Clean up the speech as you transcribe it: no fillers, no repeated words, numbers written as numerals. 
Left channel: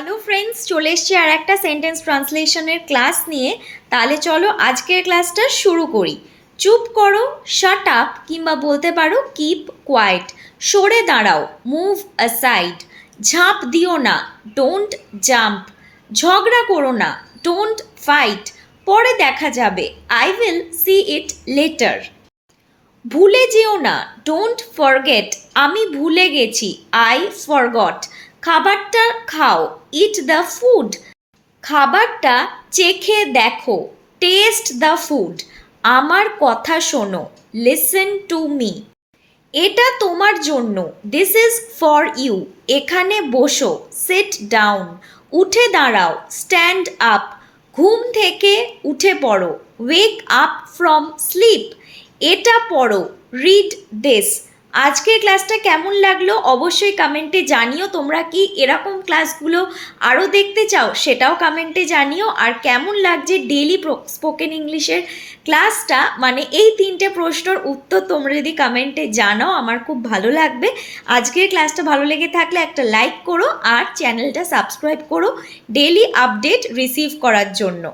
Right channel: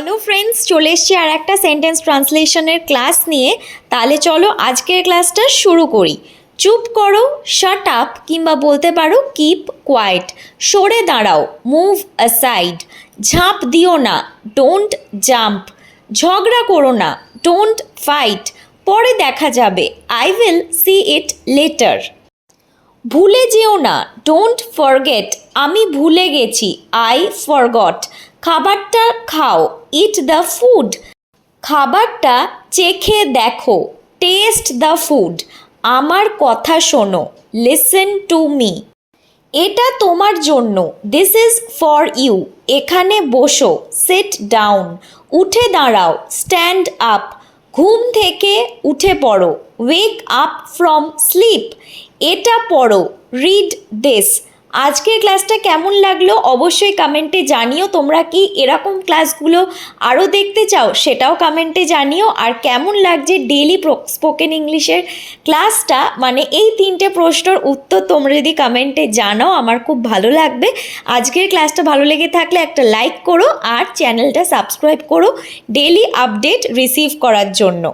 Hello friends, চলে এসছি আর একটা সেন্টেন্স ট্রান্সলেশনের ক্লাস নিয়ে। তাহলে চলো আজকের ক্লাসটা শুরু করি। চুপ করো, শাট আপ, কিংবা বলতে পারো কিপ কোয়াইট। সরে দাঁড়াও, মুভ অ্যাসাইড। ঝাঁপ দিও না, ডোন্ট জাম্প। ঝগড়া করো না, ডোন্ট ফাইট। পরে দেখা যাবে, I will see it later. ভুলে যেও না, ডোন্ট ফরগেট। আমি ভুলে গেছি, আই ফরগট। খাবারটা খাও, ইট দ্য ফুড। খাবারটা চেখে দেখো, টেস্ট দ্য ফুড। আমার কথা শোনো, লিসেন টু মি। এটা তোমার জন্য, দিস ইজ ফর ইউ। এখানে বসো, সিট ডাউন। উঠে দাঁড়াও, স্ট্যান্ড আপ। ঘুম থেকে উঠে পড়ো, ওয়েক আপ ফ্রম স্লিপ। এটা পড়ো, রিড দিস। আজকের ক্লাসটা কেমন লাগলো অবশ্যই কমেন্টে জানিও। তোমরা কি এরকম ক্লাসগুলো আরও দেখতে চাও সেটাও কমেন্টে জানিও। আর কেমন লাগছে ডেইলি স্পোকেন ইংলিশের ক্লাসটা, মানে এই 3টে প্রশ্নের উত্তর তোমরা যদি কমেন্টে জানাও আমার খুব ভালো লাগবে। আজকের ক্লাসটা ভালো লেগে থাকলে একটা লাইক করো আর চ্যানেলটা সাবস্ক্রাইব করো ডেইলি আপডেট রিসিভ করার জন্য।